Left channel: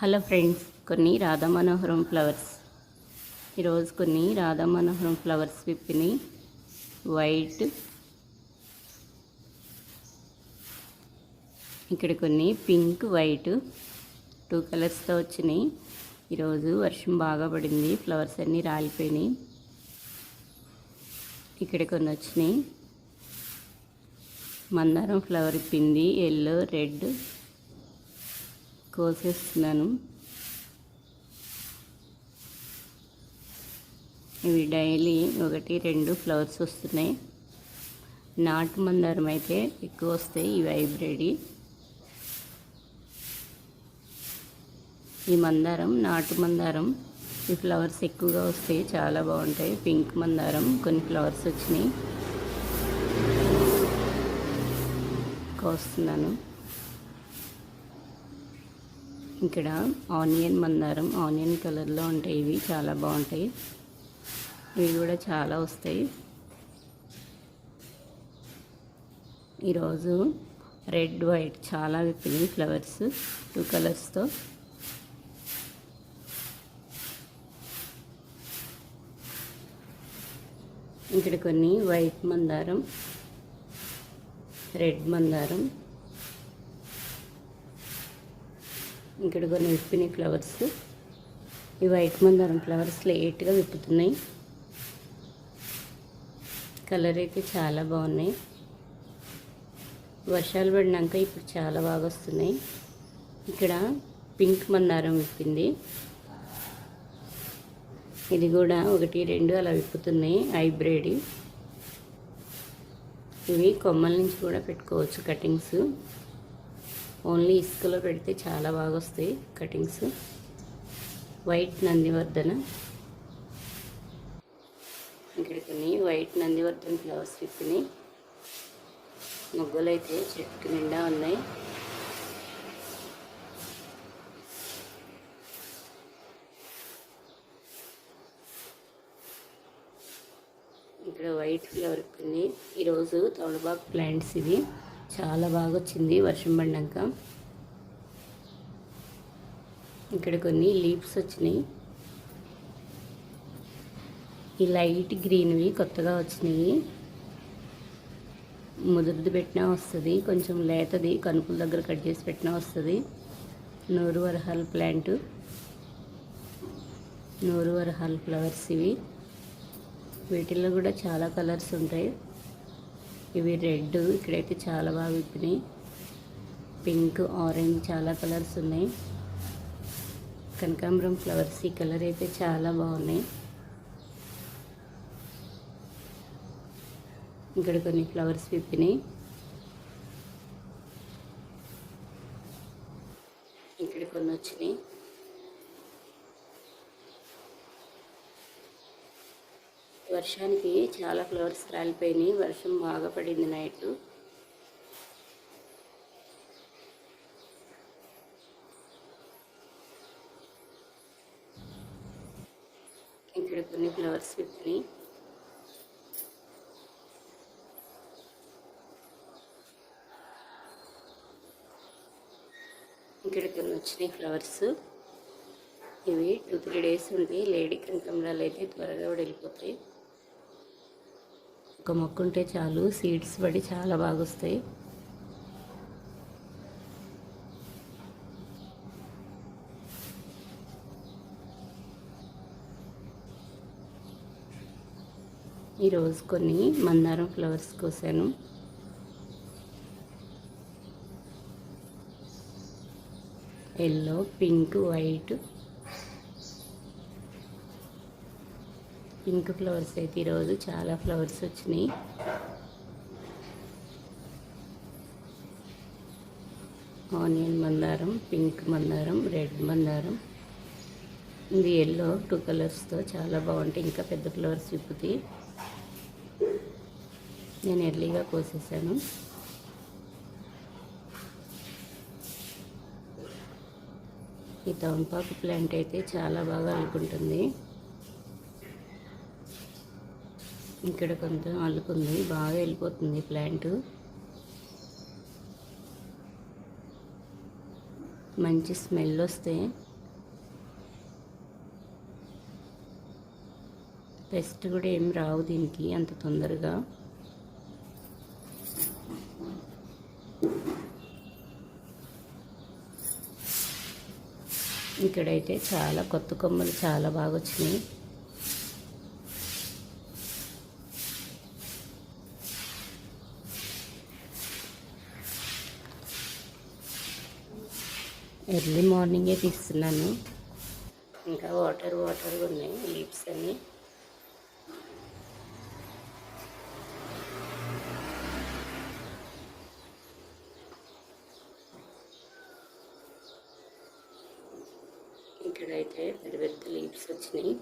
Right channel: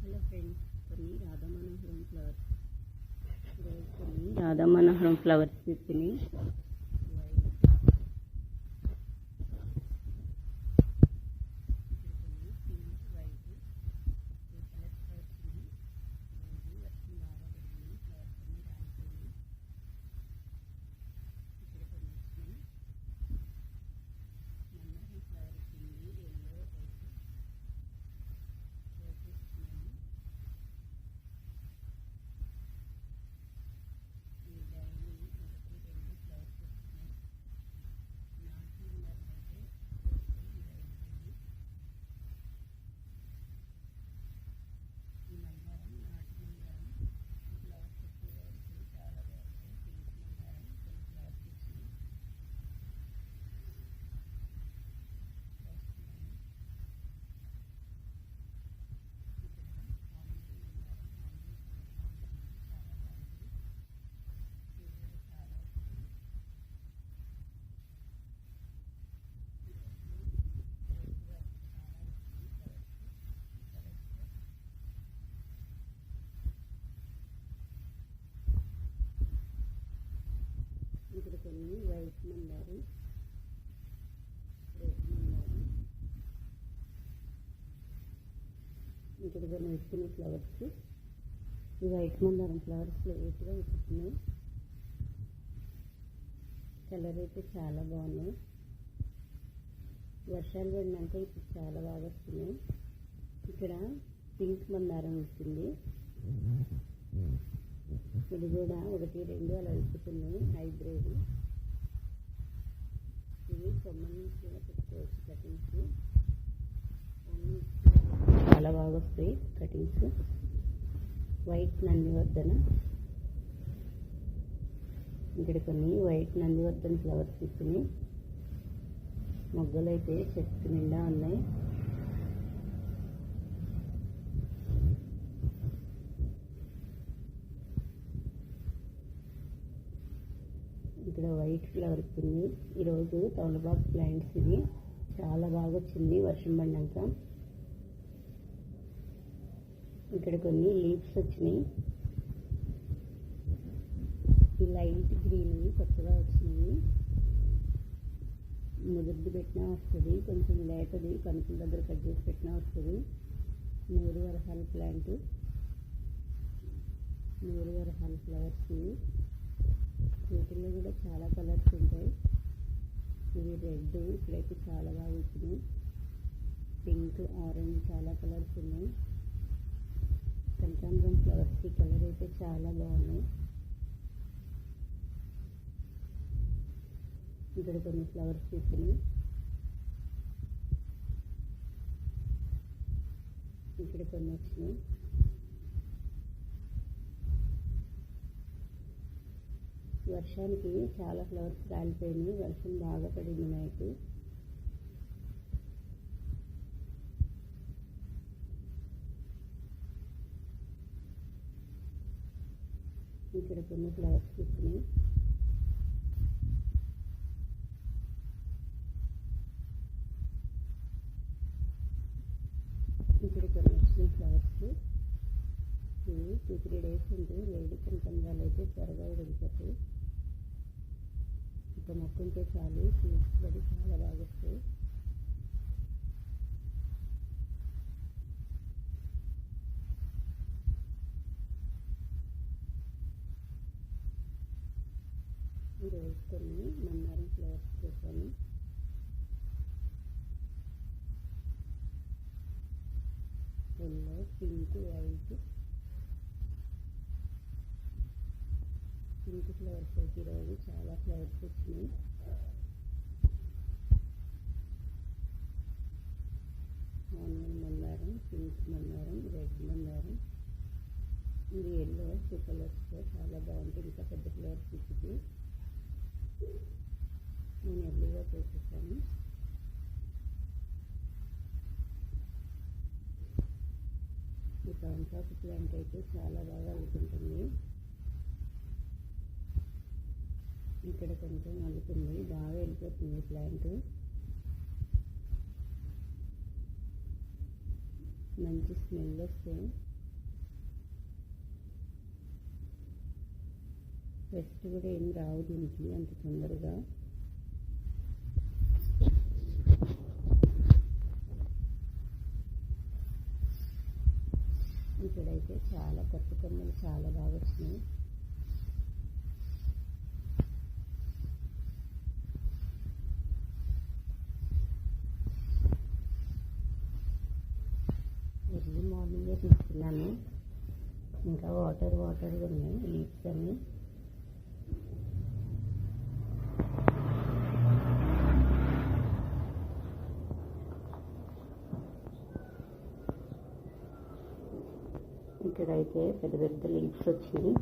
Hello friends, కొన్ని రాధా మనోహరం flowers. ఈరోజు కొన్ని రాధా మనోహరం ఫ్లవర్స్ విప్పిని వైట్, ఇక్కడ కొన్ని పింక్ వైట్ 2 కలర్స్తో వచ్చినాయి. ఈరోజు వర్షం బాగా పడింది, ఫ్లవర్స్ అన్నీ రాలిపోయినాయి. ఇక్కడ కొన్ని వచ్చినాయి. మందారం ఫ్లవర్ ఇప్పింది, ఎల్లో రెడ్ కోసేస్తున్నాను. ఇవి డైలీ 1-2 ఫ్లవర్స్ వస్తున్నాయి. నాటు మందారం అయితే ఎక్కువ వస్తాయి, ఇవి హైబ్రిడ్. ఈ మందారం నాటు మందారం, ఈ ఫ్లవర్స్ ఎక్కువగా వస్తాయి, చాలా బాగుంటాయి. పింక్ మందారం కొన్ని ఫ్లవర్స్ వచ్చినాయి, కోస్తున్నాను. ఇక్కడ ఆనియన్ మందారం, ఆనియన్ కలర్లో ఉంటాయి, ఇవి చాలా బాగుంటాయి. ఇవి కూడా చాలా వస్తాయి. ఈరోజు రెడ్ వైట్ చాలా విప్పినాయి ఫ్లవర్స్ 2 కలర్స్తో. ఇక్కడ కొన్ని వైట్ మందారం, రెడ్ మందారం, ఇక్కడ కొన్ని విప్పినాయి ఫ్లవర్స్. ఈ వైట్ మందారం ఫ్లవర్స్ లేట్గా విప్పుతున్నాయి, కలర్ అయితే చాలా బాగున్నాయి. వర్షాలు పడినాక ఇప్పుడు చాలా బాగా వస్తున్నాయి. ఇక్కడ పింక్ మందారం విప్పింది, ఇది కూడా 1-2 అలా విప్పుతున్నాయి, హైబ్రిడ్. ఇవి కొమ్మల నుంచి కూడా పెట్టుకోవచ్చు కటింగ్స్, ఓన్లీ ఇసుకలో పెడితే చాలా బాగా వస్తాయి కటింగ్స్. వైట్ నందివర్ధన, ఇక్కడ కొన్ని వైట్ నందివర్ధన ఫ్లవర్స్ విప్పినాయి. మొగ్గలు అయితే చెట్టు నిండా ఉన్నాయి. ఇక్కడ వైట్ ఫ్లవర్ విప్పింది. ఈరోజు తమలపాకు ప్లాంట్స్ ఇవి చాలా బాగా వచ్చింది వర్షం పడినాక. ఇక్కడ కొన్ని లీవ్స్ వచ్చినాయి, ఈ లైట్ గ్రీన్వి కొత్తగా వచ్చినాయి. ముదురుది పెట్టినా వస్తుంది, కొంచెం లేతది కనుపుల దగ్గర కట్ చేసి పెట్టినా వస్తుంది. నూరు వరహాల ప్లాంట్, నూరు వరహాల ఫ్లవర్స్ ఇవి. వీటిల్లో కూడా చాలా కలర్స్ ఉంటాయి. ఇవి రెడ్, ఇక్కడైతే చాలా బాగా విప్పినాయి. పింక్, ఆరెంజ్ చాలా కలర్స్ ఉన్నాయి. కనకాంబరం ఫ్లవర్స్, ఈ కలర్ అయితే చాలా బాగున్నాయి. ఇక్కడ కొన్ని ఫ్లవర్స్ విప్పినాయి. ఇక్కడ కొన్ని వచ్చినాయి. వర్షానికి చాలా ఫ్లవర్స్ రాలిపోయినాయి, వర్షం బాగా పడింది నైట్. ఇక్కడ కొన్ని ఫ్లవర్స్ విప్పినాయి. ఇక్కడ కొన్ని వచ్చినాయి ఫ్లవర్స్. ఇవి 2-3 డేస్ ఉంటాయి. లేడీ కనకాంబరాలు అయితే త్వరగా కూడా వెళ్ళిపోతాయి. ఒక మొక్క ఉంటే చాలు, సీడ్స్ పడి చాలా బాగా వస్తాయి. ఈరోజు కొన్ని మందారం ఫ్లవర్స్ కోసాను. Yellow, pink, white. Pink flowers అయితే ఈరోజు చాలా ఫ్లవర్స్ వచ్చినాయి. ఆనియన్ మందారం, పింక్ మందారం, రెడ్ మందారం. ఇది ఎల్లో 2 కలర్స్తో చాలా బాగుంటాయి. ఇంకా పెద్ద ఫ్లవర్స్ విప్పుతాయి. నేను ఎర్లీగా కోసేసాను. ఈ తమలపాకు ప్లాంట్ అయితే చాలా బాగా అల్లుకుంటుంది. ఇక్కడ కొంచెం అల్లుకుంది, బాగా వెళ్ళిపోతుంది ప్లాంట్. మంచి స్మెల్ వస్తే పెస్ట్ కూడా ఏం రావు దీనికి అంత తొందరగా. ఇక్కడైతే చాలా కొత్త కొమ్మలు చాలా బాగా వచ్చినాయి. ఎర్లీ మార్నింగే తీస్తున్నాను, ఇంకా వాటర్గా ఉన్నాయి లీవ్స్ అన్నీ. ఇక్కడైతే పెద్ద పెద్ద లీవ్స్ వచ్చినాయి.